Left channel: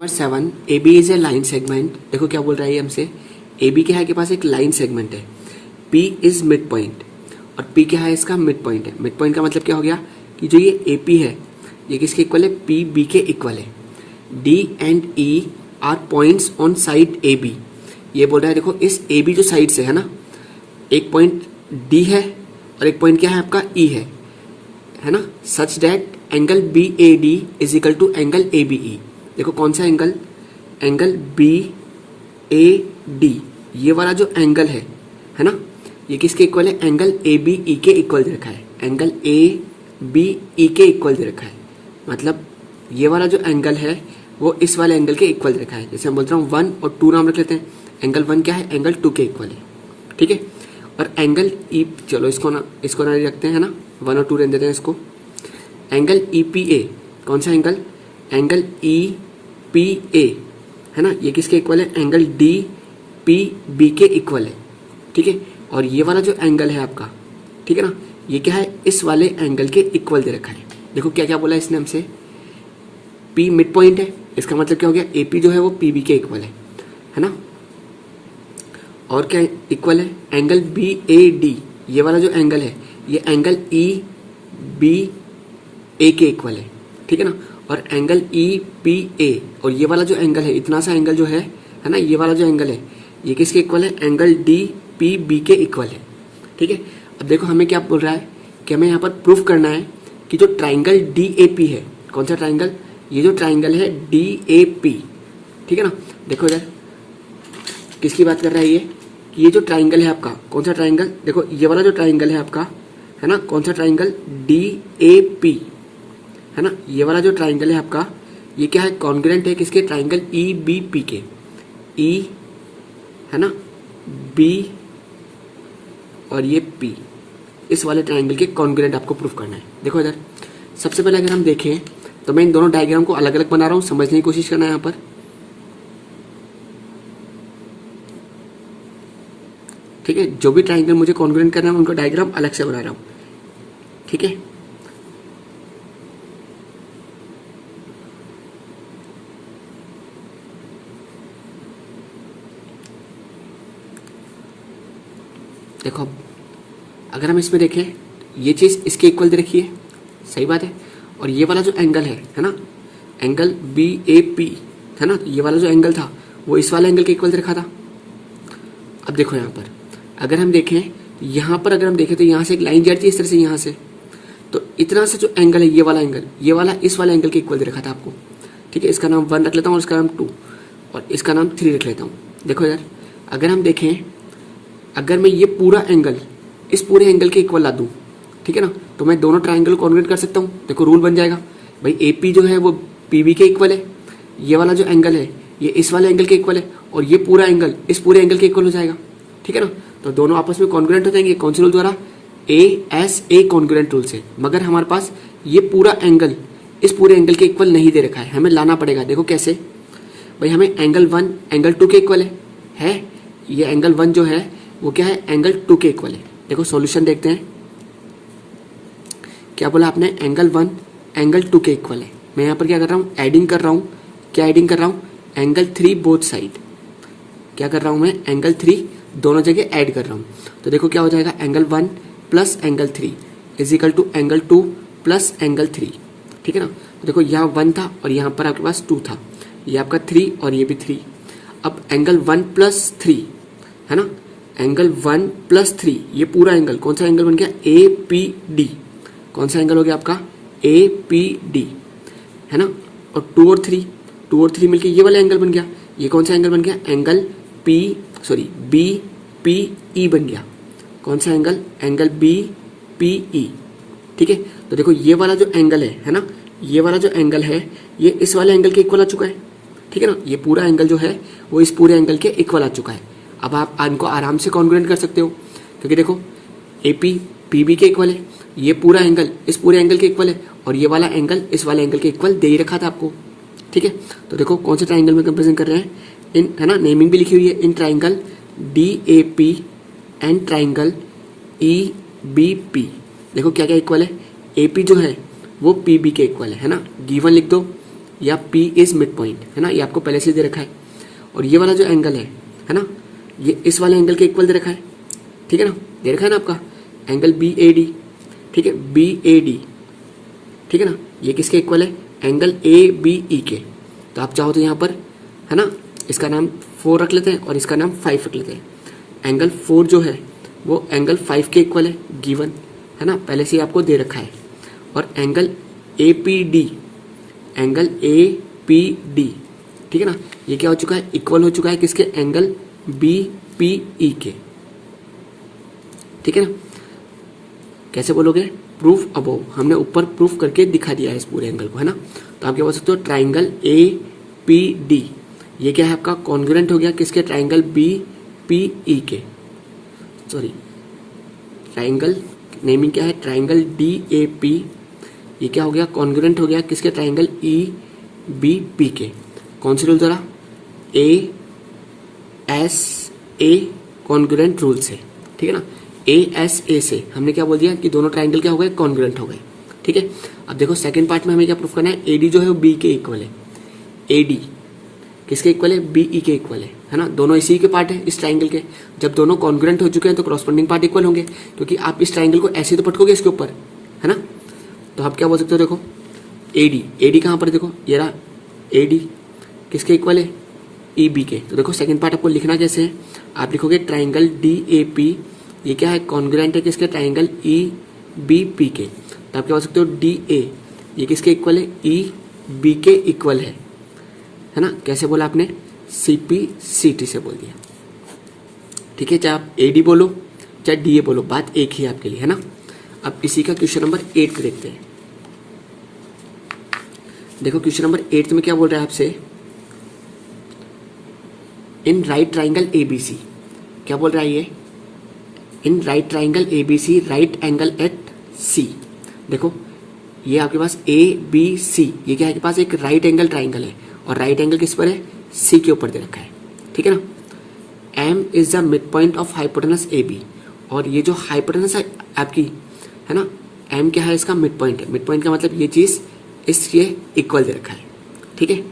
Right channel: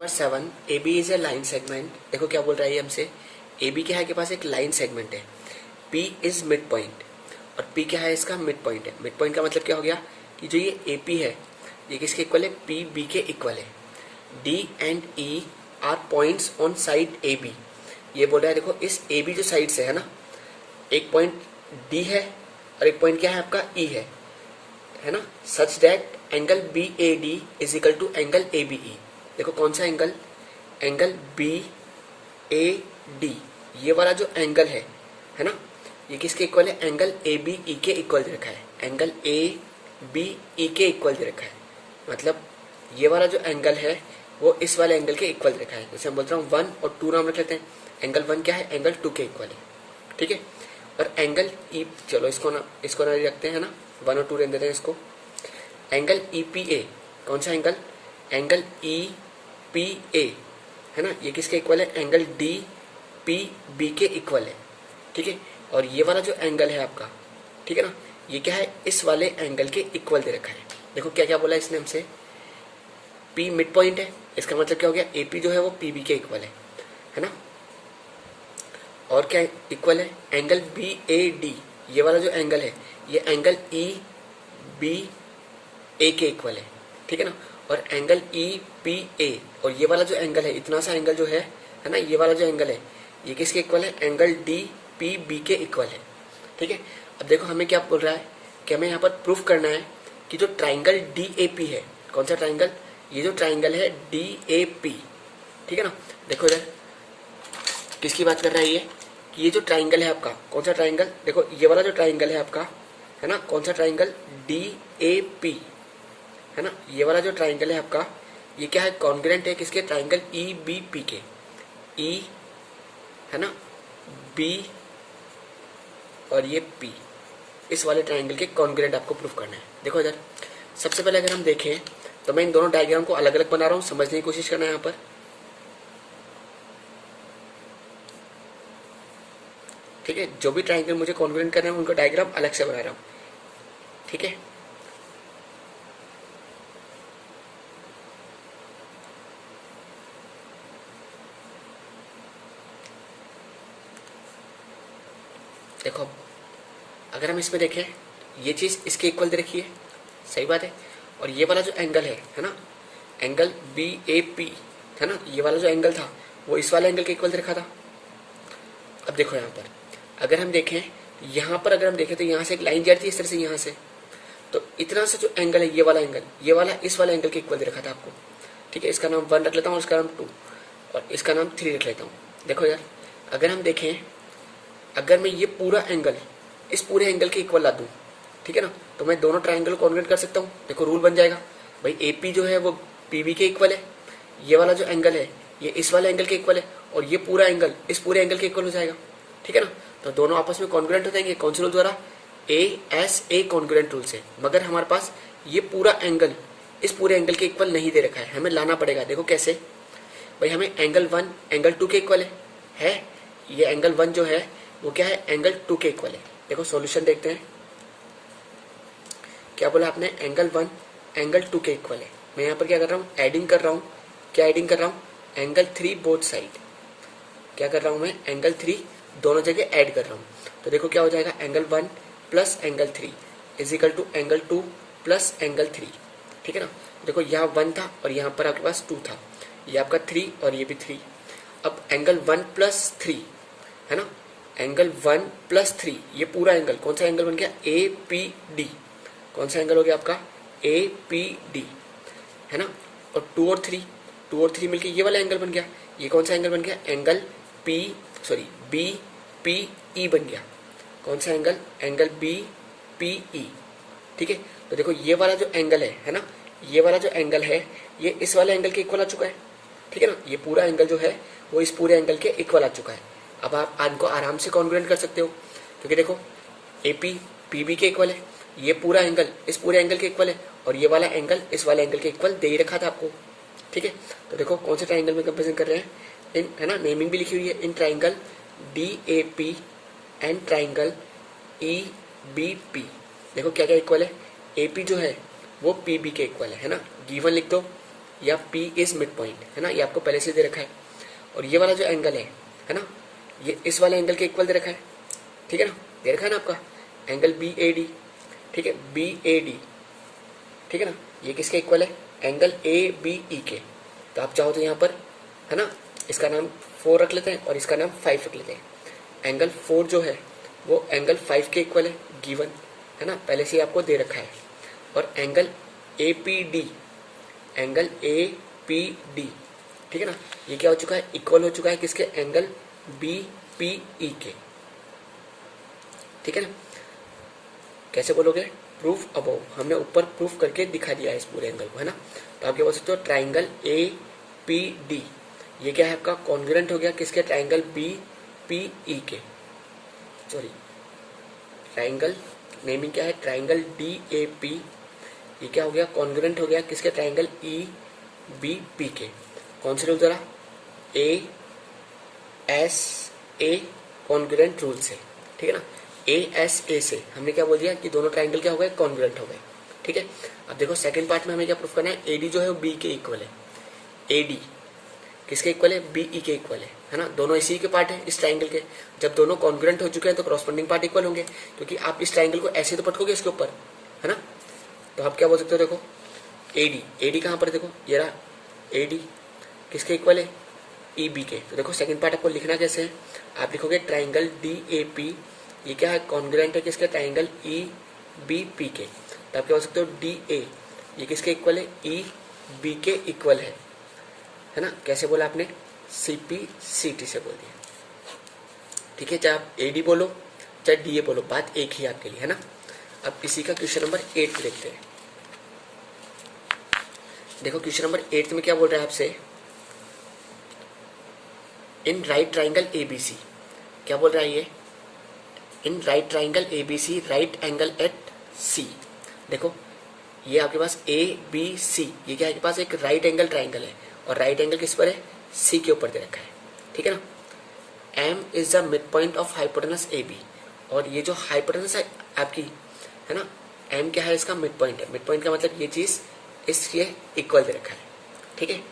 Number 7, A B is a line segment. देखो क्या बोल रहा है ये हमसे, ए बी क्या है के पास एक लाइन सेगमेंट है, पी इज मिड पॉइंट और पी क्या है इसका मिड पॉइंट है। मिड पॉइंट का मतलब क्या हो गया कि जो ये ए पी है ये किसके इक्वल है, पी बी के इक्वल है। D and E are points on side A B. ये बोल रहा है देखो इस ए बी जो साइड से है ना, एक पॉइंट डी है और एक पॉइंट क्या है आपका ई है ना, such that angle B A D is equal to angle A B E. देखो कौन सा angle, angle B A D, ये वाला जो एंगल है ना, ये किसके इक्वल है, एंगल ए बी ई के इक्वल दे रखा है। एंगल ए बी ई के इक्वल दे रखा है, मतलब ये वाला जो एंगल है वो इस वाले एंगल के इक्वल दे रखा है। जैसे हम बोलते हैं 1 और 2 नाम रख लेते हैं, एंगल 1 क्या है, एंगल 2 के इक्वल है, ठीक है। और एंगल ई, चलो इसको ना रखते हैं ना, 1 और 2 रहने देते हैं इसको। एंगल ई पी ए, कौन सा angle, angle E P A है ना, ये किसके इक्वल है, एंगल डी पी बी के इक्वल है, ठीक है। और ये वाला जो एंगल है आपका, ठीक है ना, ये क्या है, इस वाले एंगल के इक्वल दे रखा है। देखो क्या क्या बोला इसने हमसे, पी मिड पॉइंट है, इसका मतलब क्या हो गया, ए पी जो है वो पी बी के इक्वल है ना। और क्या इक्वल है, एंगल बी ए डी, ये वाला जो एंगल है ये एंगल ई बी ए के इक्वल है, ठीक है ना। और एंगल ई पी ए, और ये वाला जो एंगल है, इतना सा एंगल जो है ना, ये वाला जो एंगल है ये किसके इक्वल है, एंगल डी पी बी के इक्वल है, ठीक है। अब देखो हमें क्या बोल रहा है कि हमें यहाँ पर प्रूफ करना है कि जो ट्राइंगल डी ए पी है, कौन सा ट्राइंगल, ये जो ट्राइंगल है डी ए पी, ठीक है ना। देखो इधर किसकी बात कर रहा है ये, कि ये जो ट्राइंगल है आपका, कौन सा ट्राइंगल, देखो ये वाला जो ट्राइंगल है आपका, है ना, कौन सा ट्राइंगल, डी ए पी, है ना। ये वाला जो ट्राइंगल है आपका ये क्या है, कॉन्ग्रुएंट है किसके, ट्राइंगल ई बी पी के। ई है ना, बी और ये पी, इस वाले ट्राइंगल के कॉन्ग्रुएंट आपको प्रूफ करना है। देखो इधर सबसे पहले अगर हम देखें तो मैं इन दोनों डायग्राम को अलग अलग बना रहा हूं, समझने की कोशिश करना है यहाँ पर। ठीक है, जो भी ट्राइंगल मुझे कॉन्ग्रुएंट करना है उनका डायग्राम अलग से बना रहा हूं, ठीक है। देखो अगर हम इसमें देखें, ये चीज इसके इक्वल दे रखी है, सही बात है। और ये वाला जो एंगल है ना, एंगल बी ए पी है ना, ये वाला जो एंगल था वो इस वाले एंगल के इक्वल दे रखा था। अब देखो यहाँ पर अगर हम देखें, यहाँ पर अगर हम देखें तो यहाँ से एक लाइन जा रही थी इस तरह से, यहाँ से, तो इतना सा जो एंगल है, ये वाला एंगल, ये वाला इस वाले एंगल के इक्वल दे रखा था आपको, ठीक है। इसका नाम 1 रख लेता हूँ और इसका नाम 2 और इसका नाम 3 रख लेता हूँ। देखो यार अगर हम देखें, अगर मैं ये पूरा एंगल इस पूरे एंगल के इक्वल ला दूं, ठीक है ना, तो मैं दोनों ट्राइंगल को कॉन्ग्रुएंट कर सकता हूँ। देखो रूल बन जाएगा भाई, ए पी जो है वो पी बी के इक्वल है, ये वाला जो एंगल है ये इस वाले एंगल के इक्वल है और ये पूरा एंगल इस पूरे एंगल के इक्वल हो जाएगा, ठीक है ना। तो दोनों आपस में कॉन्ग्रुएंट हो जाएंगे, कौन से रूल द्वारा, A S A congruent rule से। मगर हमारे पास ये पूरा एंगल इस पूरे एंगल के इक्वल नहीं दे रखा है, हमें लाना पड़ेगा। देखो कैसे भाई, हमें एंगल 1 एंगल 2 के इक्वल है, ये एंगल 1 जो है वो क्या है, एंगल 2 के इक्वल है। देखो सॉल्यूशन देखते हैं, क्या बोला आपने, एंगल 1 एंगल 2 के इक्वल है। मैं यहाँ पर क्या कर रहा हूँ, एडिंग कर रहा हूँ, क्या एडिंग कर रहा हूँ, एंगल 3 बोथ साइड, क्या कर रहा हूँ मैं, एंगल 3 दोनों जगह ऐड कर रहा हूँ। तो देखो क्या हो जाएगा, angle 1 plus angle 3 is equal to angle 2 plus angle 3, ठीक है ना। तो देखो यहाँ 1 था और यहाँ पर आपके पास 2 था, ये आपका 3 और ये भी 3। अब एंगल 1 प्लस 3 है ना, एंगल 1 प्लस 3, ये पूरा एंगल कौन सा एंगल बन गया, ए पी डी, कौन सा एंगल हो गया आपका, ए पी डी, है ना। और 2 और 3 मिलके ये वाला एंगल बन गया, ये कौन सा एंगल बन गया, एंगल बी पी ई बन गया। कौन सा angle, angle B P E, ठीक है। तो देखो ये वाला जो एंगल है ना, ये वाला जो एंगल है ये इस वाले एंगल के इक्वल आ चुका है, ठीक है ना। ये पूरा एंगल जो है वो इस पूरे एंगल के इक्वल आ चुका है। अब आप इनको आराम से कॉन्ग्रुएंट कर सकते हो, क्योंकि देखो ए पी पी बी के इक्वल है, ये पूरा एंगल इस पूरे एंगल के इक्वल है और ये वाला एंगल इस वाले एंगल के इक्वल दे ही रखा था आपको, ठीक है। तो देखो कौन से ट्राइंगल में कंपेरिजन कर रहे हैं, इन, है ना, नेमिंग भी लिखी हुई है, in triangle D A P and triangle E B P. देखो क्या क्या इक्वल है, ए पी जो है वो पी बी के इक्वल है ना, गिवन लिख दो, या P इज मिड पॉइंट, है ना, ये आपको पहले से दे रखा है। और ये वाला जो एंगल है ना, ये इस वाले एंगल के इक्वल दे रखा है, ठीक है ना, दे रखा है ना आपका एंगल BAD, ठीक है, BAD, ठीक है ना, ये किसके इक्वल है, एंगल ABE के। तो आप चाहो तो यहाँ पर, है ना, इसका नाम 4 रख लेते हैं और इसका नाम 5 रख लेते हैं। एंगल 4 जो है वो एंगल 5 के इक्वल है, गिवन, है ना, पहले से ही आपको दे रखा है। और एंगल APD, एंगल APD, ठीक है ना, ये क्या हो चुका है, इक्वल हो चुका है किसके, एंगल BPE के, ठीक है ना। कैसे बोलोगे, प्रूफ अबव, हमने ऊपर प्रूफ करके दिखा दिया है इस पूरे एंगल को, है ना। तो आप क्या बोल सकते हो, ट्राइंगल APD, ये क्या है आपका कॉन्ग्रुएंट हो गया किसके, ट्राइंगल BPE के, सॉरी ट्राइंगल नेमिंग क्या है, ट्राइंगल DAP, ये क्या हो गया, कॉन्ग्रुएंट हो गया किसके, ट्राइंगल EBP के। कौन से रूल द्वारा, ASA कॉन्ग्रुएंट रूल से, ठीक है ना। ASA से हमने क्या बोल दिया कि दोनों ट्राइंगल क्या हो गए, कॉन्ग्रुएंट हो गए, ठीक है। अब देखो सेकंड पार्ट में हमें क्या प्रूफ करना है, AD जो है वो B के इक्वल है, AD किसके इक्वल है, BE के इक्वल है ना, दोनों इसी के पार्ट है इस ट्राइंगल के। जब दोनों कॉन्ग्रुएंट हो चुके हैं तो कॉरस्पॉन्डिंग पार्ट इक्वल होंगे, क्योंकि आप इस ट्राइंगल को ऐसे तो पटकोगे इसके ऊपर, है ना। तो आप क्या बोल सकते हो, देखो AD कहाँ पर, देखो ये रहा AD किसके इक्वल है, EB के। तो देखो सेकंड पार्ट आपको लिखना कैसे है, आप लिखोगे ट्राइंगल DAP, ये क्या है, कॉन्ग्रुएंट है किसके, ट्राइंगल EBP के। तो आप क्या बोल सकते हो, DA ये किसके इक्वल है, EB के इक्वल है ना। कैसे बोला आपने, CPCT से बोल दिया, ठीक है, चाहे आप AD बोलो चाहे DA बोलो, बात एक ही आपके लिए, है ना। अब इसी का क्वेश्चन नंबर 8 देखते हैं। देखो क्वेश्चन नंबर 8 में क्या बोल रहा है आपसे, इन राइट ट्राइंगल ABC, क्या बोल रहा है ये, in right triangle ABC right angle at C। देखो ये आपके पास ABC, ये क्या है आपके पास एक राइट एंगल ट्राइंगल है, और राइट एंगल किस पर है, C के ऊपर दे रखा है, ठीक है ना। M is the mid point of hypotenuse AB, और ये जो हाइपोटेनस है आपकी, है ना, M क्या है, इसका मिड पॉइंट है। मिड पॉइंट का मतलब ये चीज इसके इक्वल दे रखा है, ठीक है।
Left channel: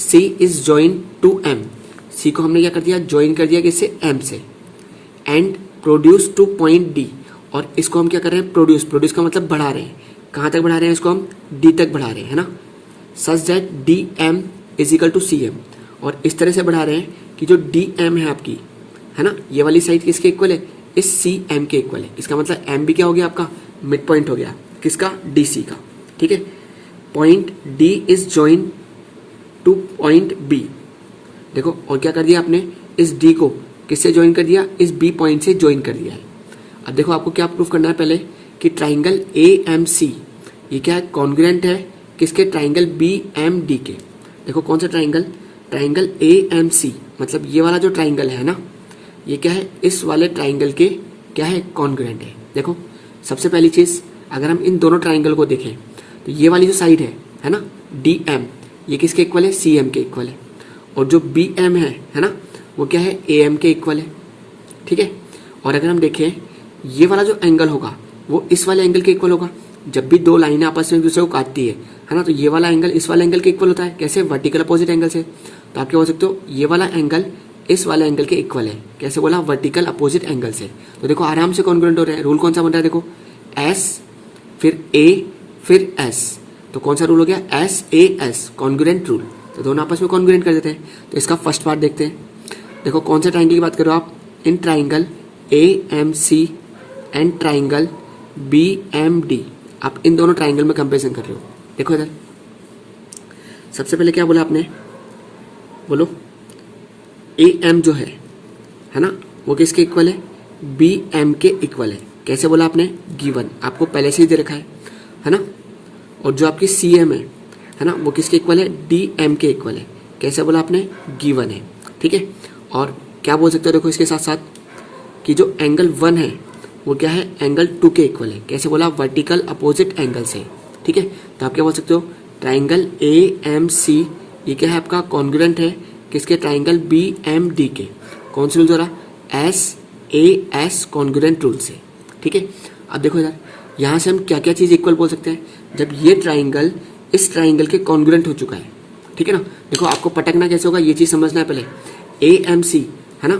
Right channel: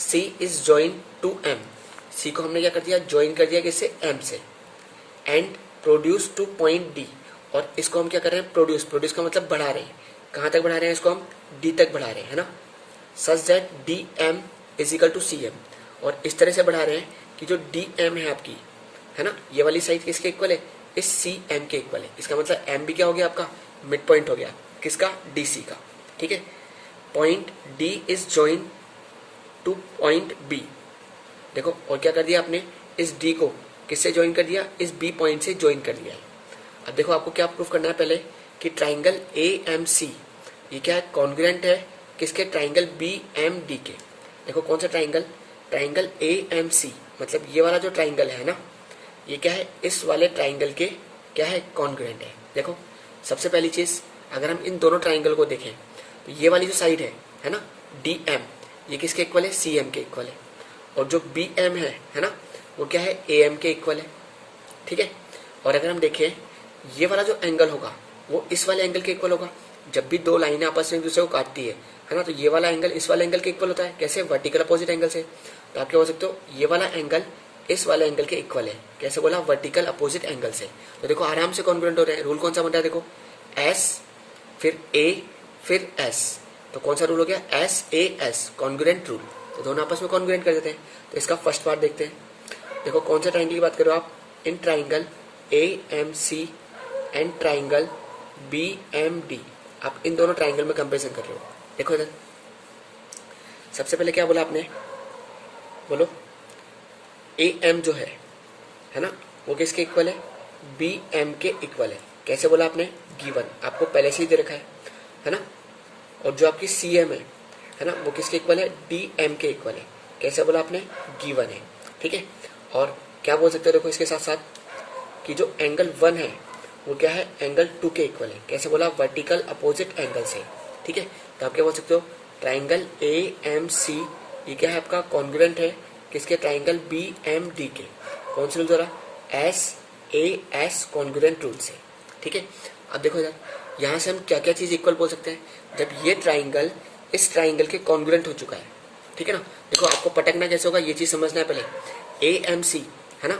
C is join to M, C को हमने क्या कर दिया, ज्वाइन कर दिया किससे, M से, and produce two point D, और इसको हम क्या कर रहे हैं, प्रोड्यूस का मतलब बढ़ा रहे हैं, कहां तक बढ़ा रहे हैं, इसको हम D तक बढ़ा रहे हैं, है ना। Such that DM is equal to CM, और इस तरह से बढ़ा रहे हैं कि जो DM है आपकी, है ना, ये वाली साइड किसके इक्वल है, इस CM के इक्वल है। इसका मतलब M भी क्या हो गया आपका, मिड पॉइंट हो गया किसका, DC का, ठीक है। Point D is join two point B, देखो और क्या कर दिया आपने, इस D को किससे ज्वाइन कर दिया, इस B पॉइंट से ज्वाइन कर दिया है। अब देखो आपको क्या प्रूफ करना है पहले, कि ट्राइंगल AMC ये क्या है, कॉन्ग्रुएंट है किसके, ट्राइंगल BMD के। देखो कौन सा ट्राइंगल, ट्राइंगल AMC, मतलब ये वाला जो ट्राइंगल है ना, ये क्या है, इस वाले ट्राइंगल के क्या है, कॉन्ग्रुएंट है। देखो सबसे पहली चीज, अगर हम इन दोनों ट्राइंगल को देखें तो ये वाली जो साइड है ना, DM, ये किसके इक्वल है, CM के इक्वल है, और जो BM है ना, वो क्या है, AM के इक्वल है, ठीक है। और अगर हम देखें ये वाला जो एंगल होगा वो इस वाले एंगल के इक्वल होगा। जब भी दो लाइनें आपस में एक दूसरे को काटती है ना, तो ये वाला एंगल इस वाले एंगल के इक्वल होता है, कैसे, वर्टिकल अपोजिट एंगल से। तो आप क्या बोल सकते हो, ये वाला एंगल इस वाले एंगल के इक्वल है, कैसे बोला, वर्टिकल अपोजिट एंगल से। तो देखो आराम से कॉन्ग्रुएंट हो रहे हैं। रूल कौन सा बन रहा है, देखो S फिर A फिर S, तो कौन सा रूल हो गया, SAS कॉन्ग्रुएंट रूल। तो दोनों आपस में कॉन्ग्रुएंट कर देते हैं। तो इसका फर्स्ट पार्ट देखते हैं। देखो कौन से ट्राइंगल की बात करो आप, in triangle AMC and triangle BMD, आप इन दोनों ट्राइंगल में कंपेरिजन कर रहे हो। देखो इधर सबसे पहले क्या बोला आपने, बोलो AM जो है ना, वो किसके इक्वल है, BM के इक्वल है। कैसे बोला आपने, गिवन, आपको पहले से ही दे रखा है ना। और जो आपकी CM है ना, वो किसके इक्वल है, DM के इक्वल है। कैसे बोला आपने, गिवन है, ठीक है। और क्या बोल सकते हो, देखो इसके साथ साथ कि जो एंगल 1 है वो क्या है, एंगल 2 के इक्वल है। कैसे बोला, वर्टिकल अपोजिट एंगल से, ठीक है। तो आप क्या बोल सकते हो, ट्राइंगल AMC ये क्या है आपका, कॉन्ग्रुएंट है किसके, ट्राइंगल BMD के। कौन से रूल द्वारा, SAS कॉन्ग्रुएंट रूल से, ठीक है। अब देखो इधर, यहाँ से हम क्या क्या चीज इक्वल बोल सकते हैं, जब ये ट्राइंगल इस ट्राइंगल के कॉन्ग्रुएंट हो चुका है, ठीक है ना। देखो आपको पटकना कैसे होगा ये चीज समझना है पहले। AMC है ना,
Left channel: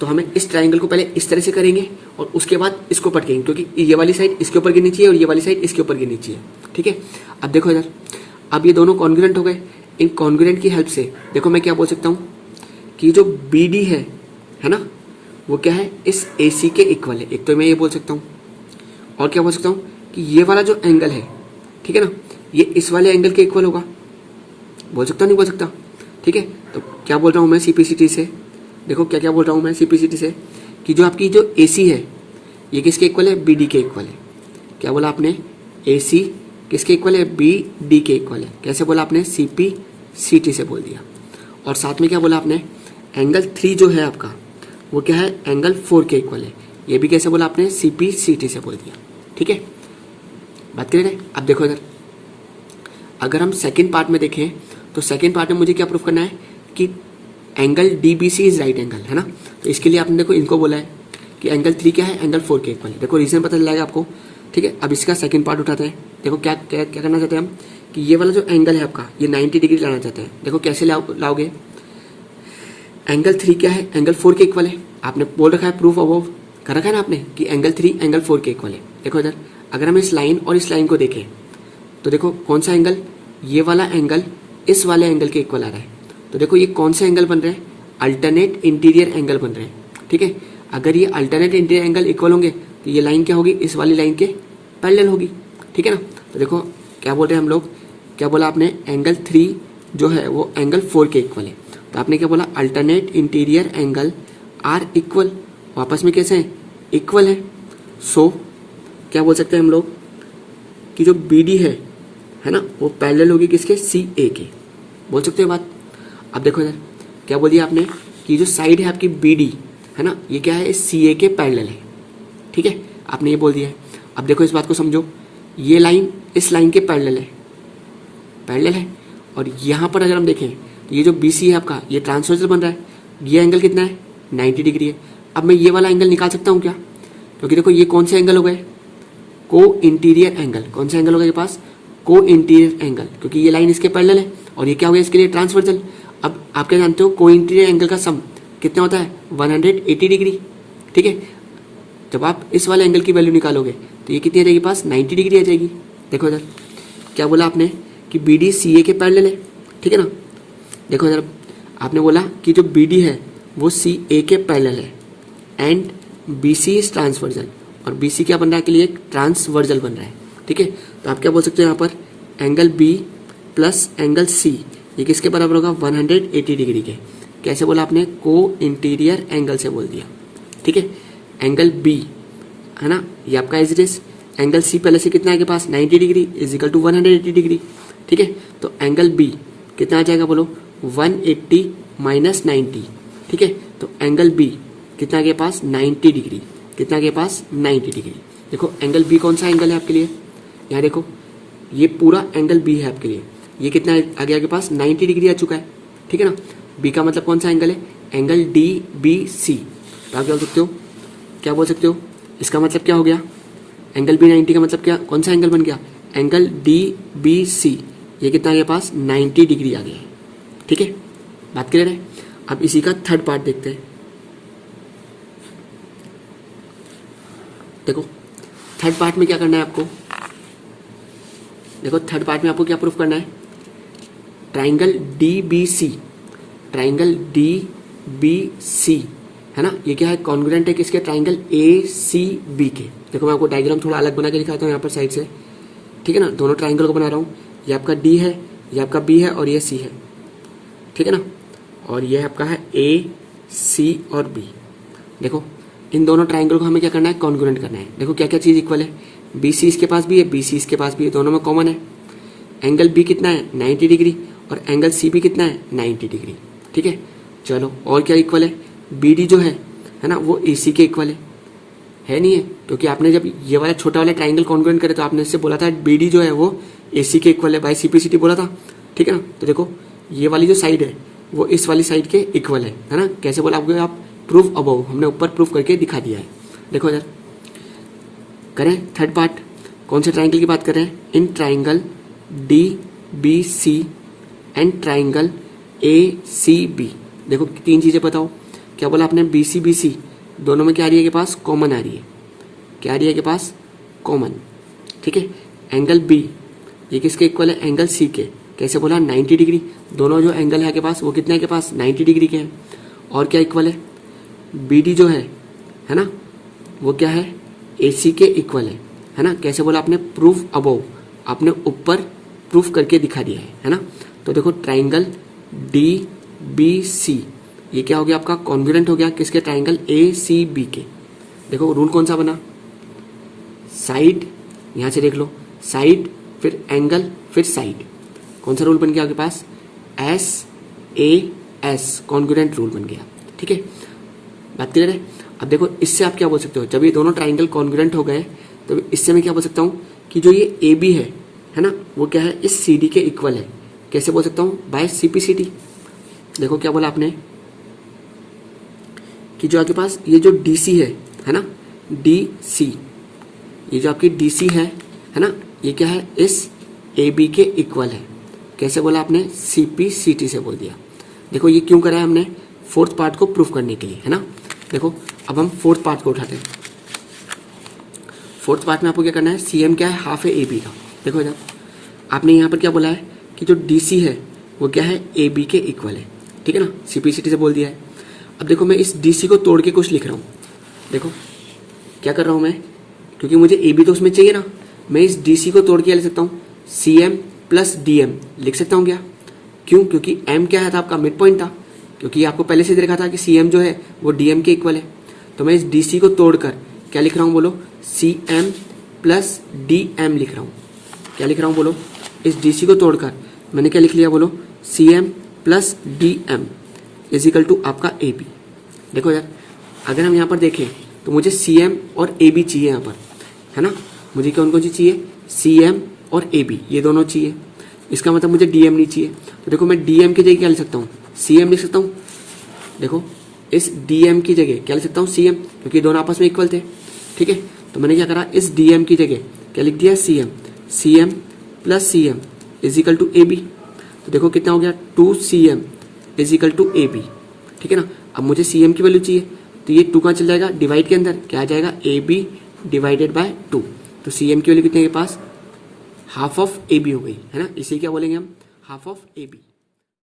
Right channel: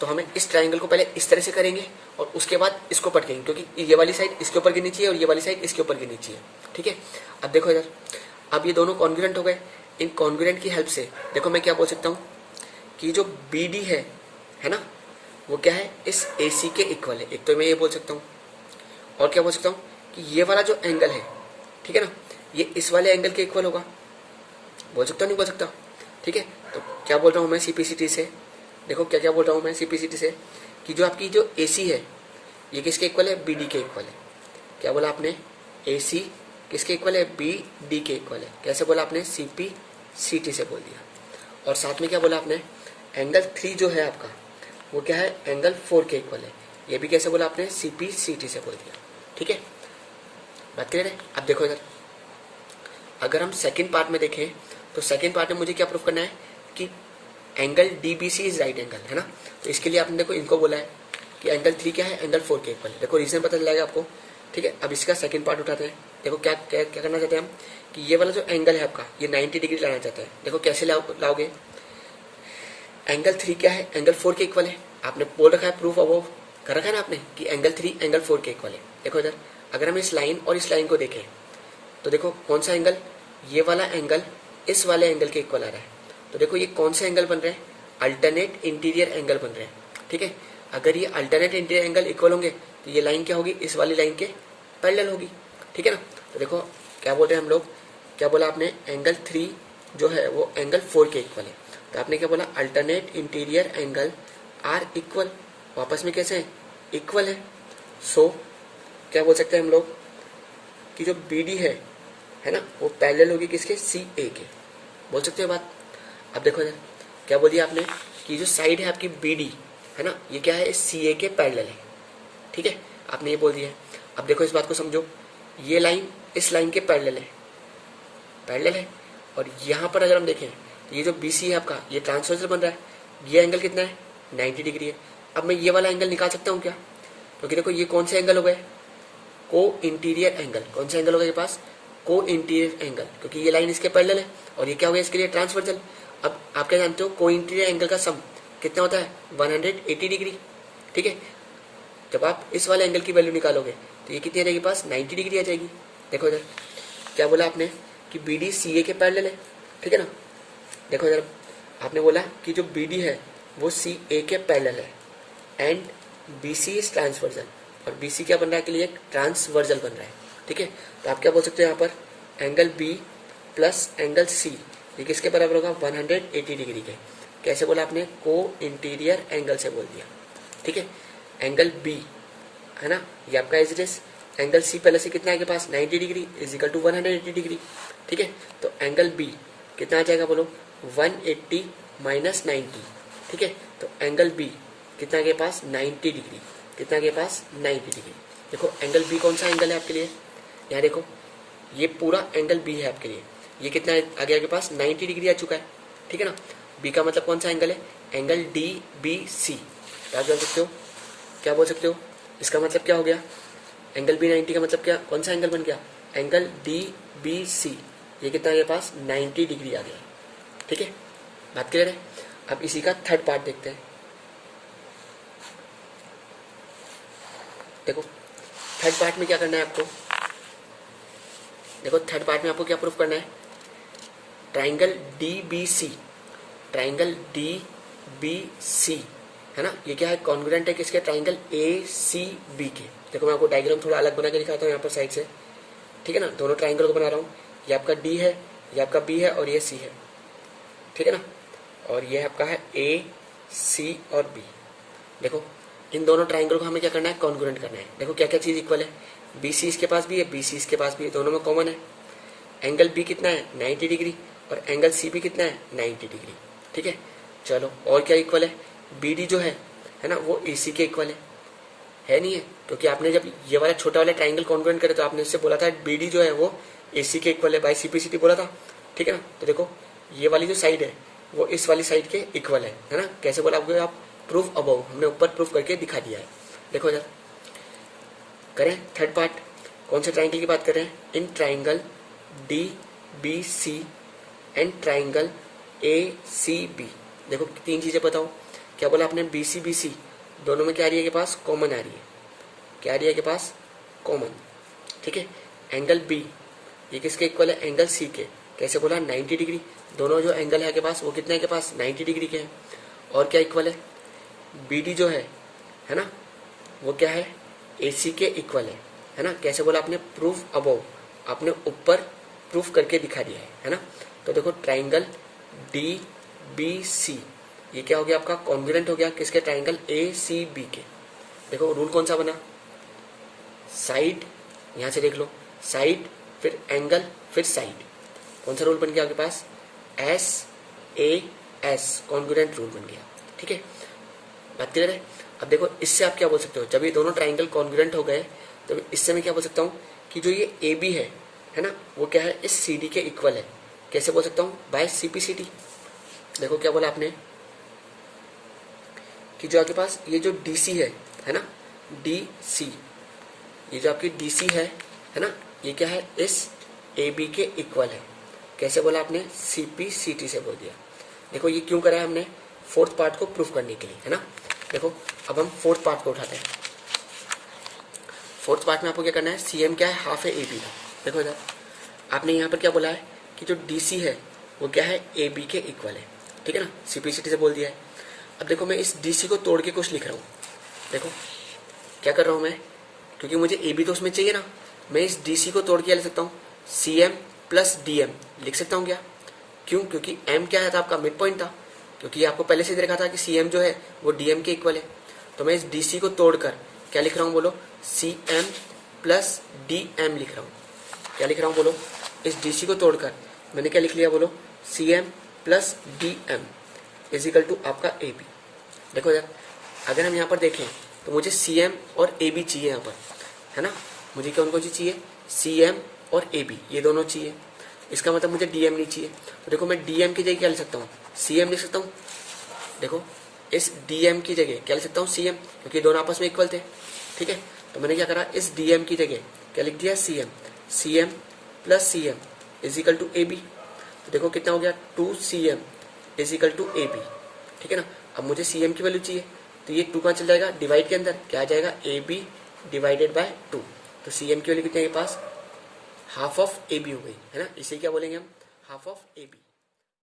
तो हमें इस ट्राइंगल को पहले इस तरह से करेंगे और उसके बाद इसको पटकेंगे, क्योंकि ये वाली साइड इसके ऊपर गिरनी चाहिए और ये वाली साइड इसके ऊपर गिरनी चाहिए। ठीक है, अब देखो इधर, अब ये दोनों कॉन्ग्रुएंट हो गए। इन कॉन्ग्रुएंट की हेल्प से देखो मैं क्या बोल सकता हूँ कि जो BD है ना, वो क्या है, इस AC के इक्वल है। एक तो मैं ये बोल सकता हूँ, और क्या बोल सकता हूँ कि ये वाला जो एंगल है, ठीक है ना, ये इस वाले एंगल के इक्वल होगा। बोल सकता नहीं बोल सकता? ठीक है, तो क्या बोल रहा हूँ मैं CPCT से, देखो क्या क्या बोल रहा हूँ मैं CPCT से, कि जो आपकी जो AC है ये किसके इक्वल है, BD के इक्वल है। क्या बोला आपने, AC किसके इक्वल है, BD के इक्वल है। कैसे बोला आपने, CPCT से बोल दिया। और साथ में क्या बोला आपने, एंगल 3 जो है आपका वो क्या है, एंगल 4 के इक्वल है। ये भी कैसे बोला आपने, CPCT से बोल दिया। ठीक है, बात क्लियर है। अब देखो इधर, अगर हम सेकंड पार्ट में देखें तो सेकंड पार्ट में मुझे क्या प्रूफ करना है कि angle DBC is right angle, है ना। तो इसके लिए आपने देखो इनको बोला है कि एंगल 3 क्या है, एंगल 4 के इक्वल है। देखो रीजन पता चल जाएगा आपको। ठीक है, अब इसका सेकंड पार्ट उठाते हैं। देखो क्या क्या क्या करना चाहते हैं हम, कि ये वाला जो एंगल है आपका ये 90 डिग्री लाना चाहते हैं। देखो कैसे लाओगे, एंगल 3 क्या है, एंगल 4 के इक्वल है। आपने बोल रखा है, प्रूफ अबव कर रखा है ना आपने, कि एंगल 3 एंगल 4 के इक्वल है। देखो इधर, अगर हम इस लाइन और इस लाइन को देखें तो देखो कौन सा एंगल, ये वाला एंगल इस वाले एंगल के इक्वल आ रहा है। तो देखो ये कौन से एंगल बन रहे हैं, अल्टरनेट इंटीरियर एंगल बन रहे हैं। ठीक है, अगर ये अल्टरनेट इंटीरियर एंगल इक्वल होंगे तो ये लाइन क्या होगी, इस वाली लाइन के पैरेलल होगी। ठीक है ना। तो देखो क्या बोल रहे हैं हम लोग, क्या बोला आपने, एंगल 3 जो है वो एंगल 4 के इक्वल है। तो आपने क्या बोला, alternate interior angle are equal, वापस में कैसे हैं, इक्वल है। सो क्या बोल सकते हैं हम लोग कि जो BD है ना, वो पैरेलल होगी किसके, CA के। बोल सकते हो बात। अब देखो इधर क्या बोल दिया आपने, कि जो साइड है आपकी BD है ना, ये क्या है, इस CA के पैरेलल है। ठीक है, आपने ये बोल दिया है। अब देखो इस बात को समझो, ये लाइन इस लाइन के पैरेलल है और यहाँ पर अगर हम देखें ये जो BC है आपका, ये ट्रांसवर्सल बन रहा है। ये एंगल कितना है, 90 डिग्री है। अब मैं ये वाला एंगल निकाल सकता हूँ क्या, क्योंकि देखो ये कौन से एंगल हो गए, को इंटीरियर एंगल। कौन सा एंगल होगा ये पास, को इंटीरियर एंगल, क्योंकि ये लाइन इसके पैरेलल है और ये क्या हो गया, इसके लिए ट्रांसवर्सल। अब आप क्या जानते हो, को इंटीरियर एंगल का सम कितना होता है, 180 डिग्री। ठीक है, जब आप इस वाले एंगल की वैल्यू निकालोगे तो ये कितनी आ जाएगी पास, 90 डिग्री आ जाएगी। देखो इधर क्या बोला आपने, कि BD CA के पैरेलल है। ठीक है ना। देखो इधर आपने बोला कि जो BD है वो CA के पैरेलल है एंड BC इज ट्रांसवर्सल, और BC क्या बन रहा है के लिए, ट्रांसवर्सल बन रहा है। ठीक है, तो आप क्या बोल सकते हो यहाँ पर, angle B plus angle C ये किसके बराबर होगा, 180 डिग्री के। कैसे बोला आपने, को इंटीरियर एंगल से बोल दिया। ठीक है, एंगल B है ना, ये आपका as it is, angle C पहले से कितना है के पास, 90 degree is equal to 180 degree. ठीक है, तो एंगल B कितना आ जाएगा बोलो, 180 माइनस 90। ठीक है, तो एंगल B कितना के पास, 90 डिग्री। कितना के पास, 90 डिग्री। देखो एंगल B कौन सा एंगल है आपके लिए, यहाँ देखो ये पूरा एंगल B है आपके लिए। ये कितना आ गया आपके पास, 90 डिग्री आ चुका है। ठीक है ना। B का मतलब कौन सा एंगल है, एंगल DBC। तो आप क्या बोल सकते हो, क्या बोल सकते हो, इसका मतलब क्या हो गया, एंगल B 90 का मतलब क्या, कौन सा एंगल बन गया, एंगल DBC। ये कितना आ गया पास, 90 डिग्री आ गया है। ठीक है, बात क्लियर है। अब इसी का थर्ड पार्ट देखते हैं। देखो थर्ड पार्ट में क्या करना है आपको, देखो थर्ड पार्ट में आपको क्या प्रूफ करना है, ट्राइंगल DBC, ट्राइंगल DBC है ना, ये क्या है, कॉन्ग्रुएंट है किसके, ट्राइंगल ACB के। देखो मैं आपको डायग्राम थोड़ा अलग बना के दिखाता हूँ यहाँ पर साइड से। ठीक है ना, दोनों ट्राइंगल को बना रहा हूँ। ये आपका D है, ये आपका B है और ये C है। ठीक है ना, और ये आपका है A, C और B। देखो इन दोनों ट्राइंगल को हमें क्या करना है, कॉन्ग्रुएंट करना है। देखो क्या क्या चीज इक्वल है, BC इसके पास भी है, BC इसके पास भी है, दोनों में कॉमन है। एंगल B कितना है, 90 डिग्री, और एंगल C भी कितना है, 90 डिग्री। ठीक है, चलो और क्या इक्वल है, BD जो है ना, वो AC के इक्वल है नहीं है, क्योंकि आपने जब ये वाला छोटा वाला ट्राइंगल कॉन्ग्रुएंट करे तो आपने इससे बोला था BD जो है वो AC के इक्वल है, बाय CPCT बोला था। ठीक है ना, तो देखो ये वाली जो साइड है वो इस वाली साइड के इक्वल है ना। कैसे बोला आपको, आप प्रूफ अबव, हमने ऊपर प्रूफ करके दिखा दिया है। देखो इधर करें थर्ड पार्ट, कौन से ट्राइंगल की बात कर रहे हैं, in triangle DBC and triangle ACB। देखो तीन चीजें बताओ, क्या बोला आपने, BC दोनों में क्या आ रही है के पास, कॉमन आ रही है, क्या आ रही है के पास, कॉमन। ठीक है, एंगल B ये किसके इक्वल है, एंगल C के, कैसे बोला, 90 डिग्री। दोनों जो एंगल है के पास वो कितने के पास, 90 डिग्री के हैं। और क्या इक्वल है, BD जो है ना, वो क्या है, AC के इक्वल है ना। कैसे बोला आपने, प्रूफ अबव, आपने ऊपर प्रूफ करके दिखा दिया है ना। तो देखो ट्राइंगल DBC ये क्या हो गया आपका, कॉन्ग्रुएंट हो गया किसके, ट्राइंगल ACB के। देखो रूल कौन सा बना, साइड, यहां से देख लो, साइड फिर एंगल फिर साइड, कौन सा रूल बन गया आपके पास, SAS कॉन्ग्रुएंट रूल बन गया। ठीक है, बात क्लियर है। अब देखो इससे आप क्या बोल सकते हो, जब ये दोनों ट्राइंगल कॉन्ग्रुएंट हो गए तो इससे मैं क्या बोल सकता हूँ कि जो ये AB है ना, वो क्या है, इस CD के इक्वल है। कैसे बोल सकता हूँ, बाय CPCT। देखो क्या बोला आपने कि जो आपके पास ये जो DC है ना, DC ये जो आपकी DC है ना, ये क्या है, इस AB के इक्वल है। कैसे बोला आपने, CPCT से बोल दिया। देखो ये क्यों करा है हमने, फोर्थ पार्ट को प्रूफ करने के लिए, है ना। देखो अब हम फोर्थ पार्ट को उठाते हैं। फोर्थ पार्ट में आपको क्या करना है, CM क्या है, हाफ है AB का। देखो इधर आपने यहाँ पर क्या बोला है कि जो DC है वो क्या है, AB के इक्वल है। ठीक है ना, CPCT से बोल दिया है। अब देखो मैं इस DC को तोड़ के कुछ लिख रहा हूँ। देखो क्या कर रहा हूँ मैं, क्योंकि मुझे AB तो उसमें चाहिए ना, मैं इस DC को तोड़ के लिख सकता हूँ, CM प्लस DM लिख सकता हूँ क्या, क्यों, क्योंकि M क्या है था आपका, मिड पॉइंट था, क्योंकि आपको पहले से देखा था कि CM जो है वो DM के इक्वल है। तो मैं इस DC को तोड़कर क्या लिख रहा हूँ, बोलो, CM प्लस DM लिख रहा हूँ। क्या लिख रहा हूँ बोलो, इस DC को तोड़कर मैंने क्या लिख लिया, बोलो, CM plus DM is equal to आपका AB। देखो यार अगर हम यहाँ पर देखें तो मुझे CM और AB चाहिए यहाँ पर, है ना। मुझे कौन कौन सी चाहिए, CM और AB ये दोनों चाहिए। इसका मतलब मुझे DM नहीं चाहिए। तो देखो मैं DM की जगह क्या लिख सकता हूँ, CM लिख सकता हूँ। देखो इस DM की जगह क्या लिख सकता हूँ, CM, क्योंकि दोनों आपस में इक्वल थे। ठीक है, तो मैंने क्या करा, इस DM की जगह क्या लिख दिया, CM plus CM is equal to AB। तो देखो कितना हो गया, 2CM इजिकल टू AB। ठीक है ना। अब मुझे CM की वैल्यू चाहिए, तो ये 2 कहाँ चल जाएगा, डिवाइड के अंदर क्या आ जाएगा, AB डिवाइडेड बाय 2। तो CM की वैल्यू कितने के पास, हाफ ऑफ AB हो गई, है ना। इसे क्या बोलेंगे हम, हाफ ऑफ AB।